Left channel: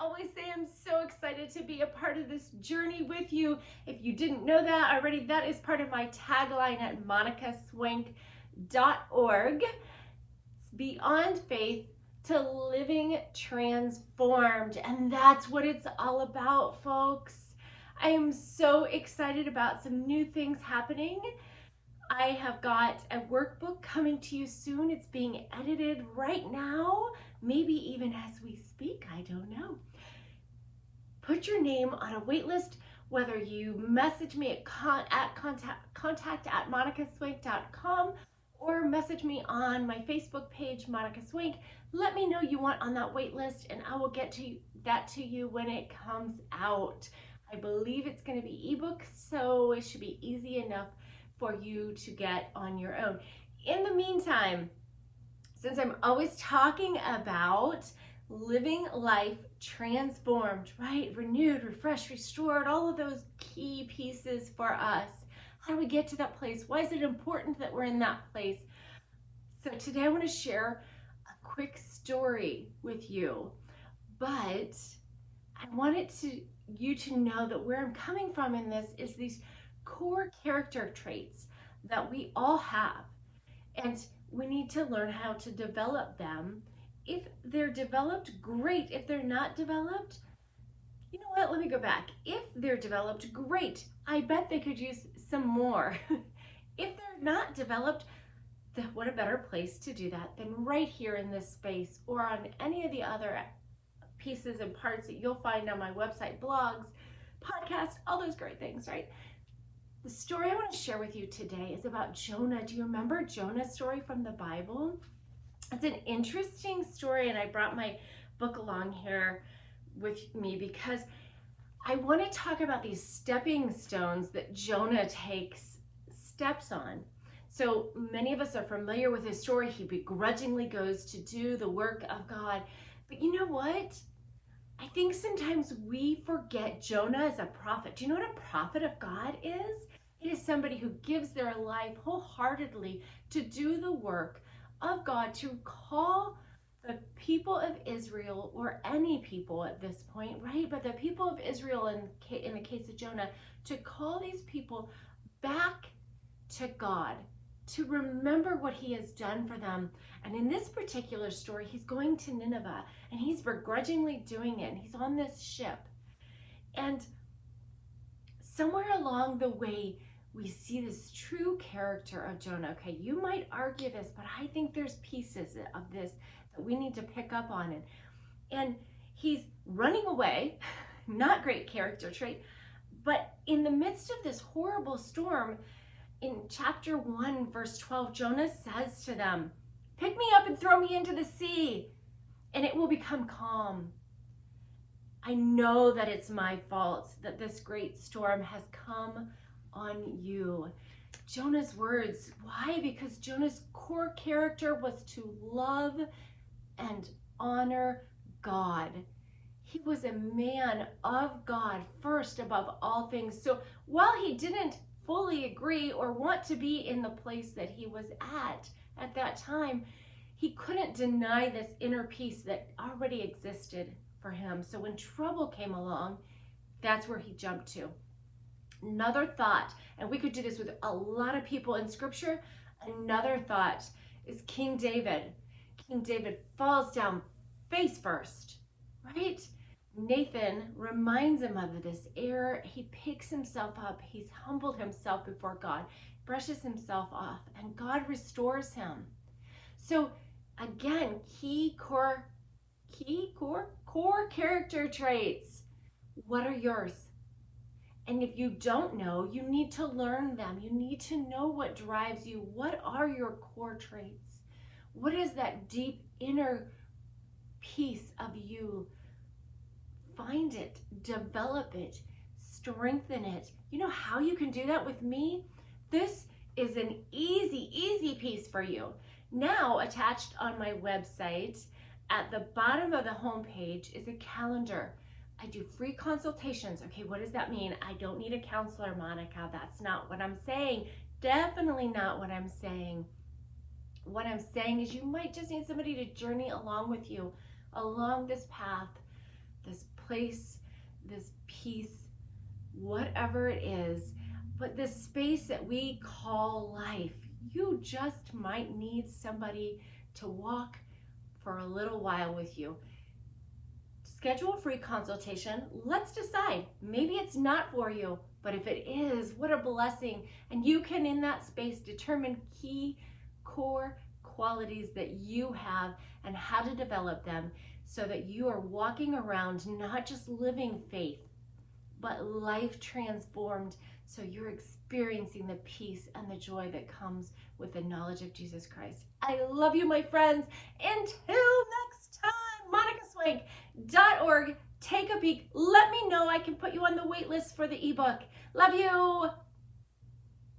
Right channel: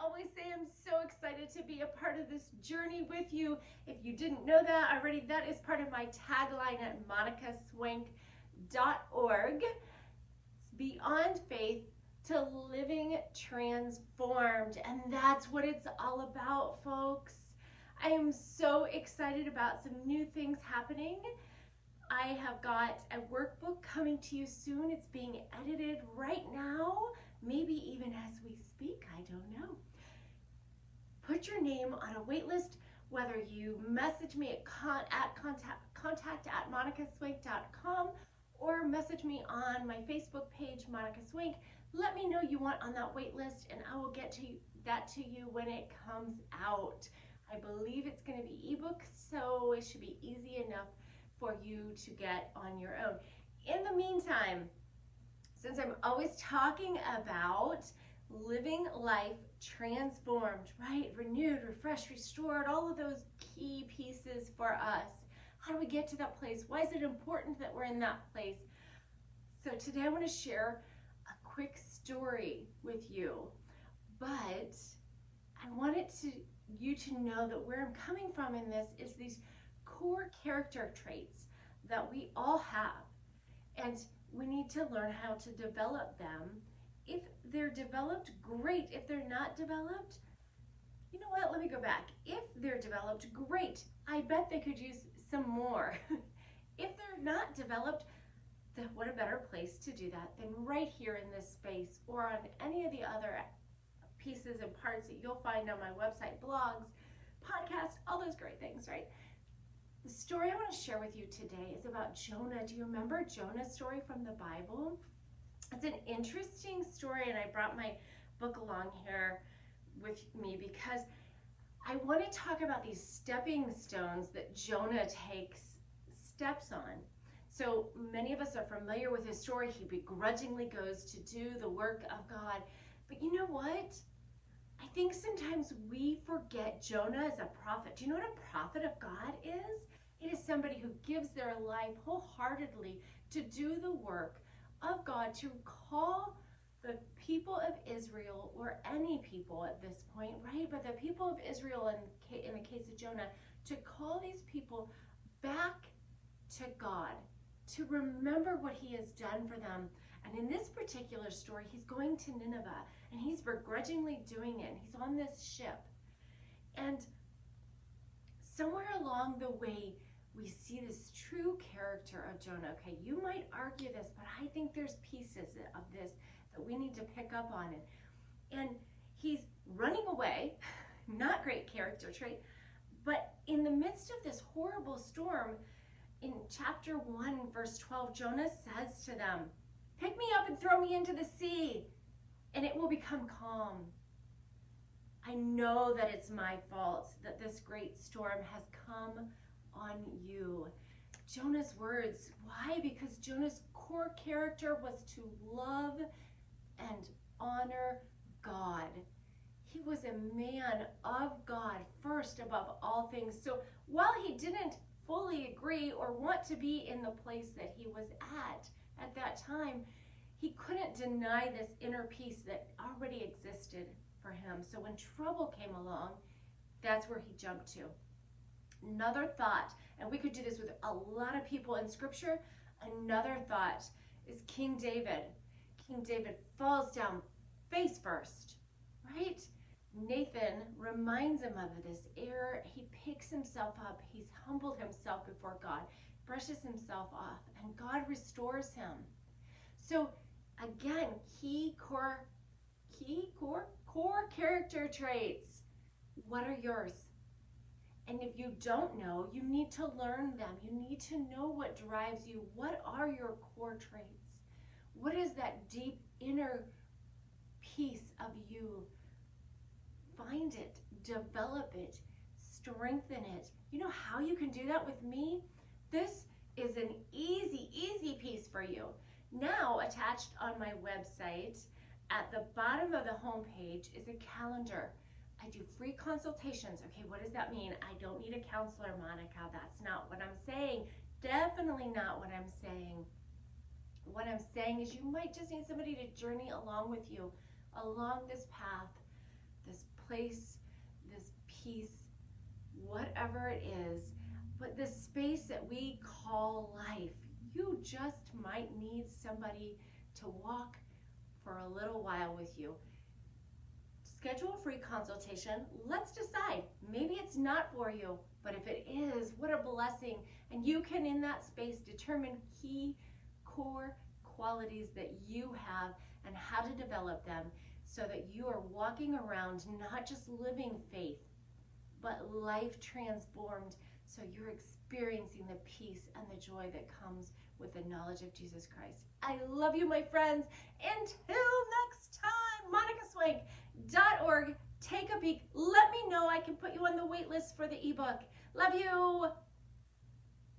always say, I'm so excited to be a part of this journey with you. If you didn't know that already, that is part of my tagline at monicaswank.org. It's beyond faith to living transformed. And that's what it's all about, folks. I am so excited about some new things happening. I have got a workbook coming to you soon. It's being edited right now, maybe even as we speak, I don't know. Put your name on a wait list, whether you message me at contact@monicaswank.com or message me on my Facebook page, Monica Swank. Let me know you want on that wait list, and I will get that to you when it comes out. I believe it's going to be ebook, so it should be easy enough for you to get on your own. In the meantime, since I'm always talking about living life transformed, right? Renewed, refreshed, restored, all of those key pieces for us. How do we get to that place? Why is it important that we're in that place? So today I want to share a quick story with you, but I wanted you to know that where I'm coming from in this is these core character traits that we all have, and we need to learn how to develop them. If they're developed, great. If they're not developed, you know what, let me go back. If they're developed, great. I bet they could use some more. If they're not developed, then what a better place to do that than right here in this space or on any of the other pieces and parts that you'll find on my website, blogs, podcasts, all those great things, right? The story I want to share with you today is about Jonah. Do you remember Jonah's story from the Bible? It's an interesting story, and I brought my book along here with me because I want to talk about these stepping stones that Jonah takes steps on. So many of us are familiar with his story. He begrudgingly goes to do the work of God. But you know what? I think sometimes we forget Jonah as a prophet. Do you know what a prophet of God is? It is somebody who gives their life wholeheartedly to do the work of God, to call the people of Israel, or any people at this point, right? But the people of Israel, in the case of Jonah, to call these people back to God, to remember what he has done for them. And in this particular story, he's going to Nineveh, and he's begrudgingly doing it, and he's on this ship. And somewhere along the way, we see this true character of Jonah. Okay, you might argue this, but I think there's pieces of this that we need to pick up on it. And he's running away, not great character trait, but in the midst of this horrible storm, in chapter 1, verse 12, Jonah says to them, "Pick me up and throw me into the sea, and it will become calm. I know that it's my fault that this great storm has come on you." Jonah's words. Why? Because Jonah's core character was to love and honor God. He was a man of God first above all things. So while he didn't fully agree or want to be in the place that he was at that time, he couldn't deny this inner peace that already existed for him. So when trouble came along, that's where he jumped to. Another thought, and we could do this with a lot of people in scripture, another thought is King David. King David falls down face first, right? Nathan reminds him of this error. He picks himself up. He's humbled himself before God, brushes himself off, and God restores him. So again, key core character traits. What are yours? And if you don't know, you need to learn them. You need to know what drives you. What are your core traits? What is that deep inner piece of you? Find it, develop it, strengthen it. You know how you can do that with me? This is an easy piece for you. Now, attached on my website, at the bottom of the homepage is a calendar. I do free consultations. Okay, what does that mean? I don't need a counselor, Monica. That's not what I'm saying. Definitely not what I'm saying. What I'm saying is you might just need somebody to journey along with you along this path this place, this peace, whatever it is, but this space that we call life. You just might need somebody to walk for a little while with you. Schedule a free consultation. Let's decide. Maybe it's not for you, but if it is, what a blessing. And you can, in that space, determine key core qualities that you have and how to develop them so that you are walking around not just living faith, but life transformed, so you're experiencing the peace and the joy that comes with the knowledge of Jesus Christ. I love you, my friends. Until next time, monicaswank.org. Take a peek. Let me know. I can put you on the wait list for the ebook. Love you.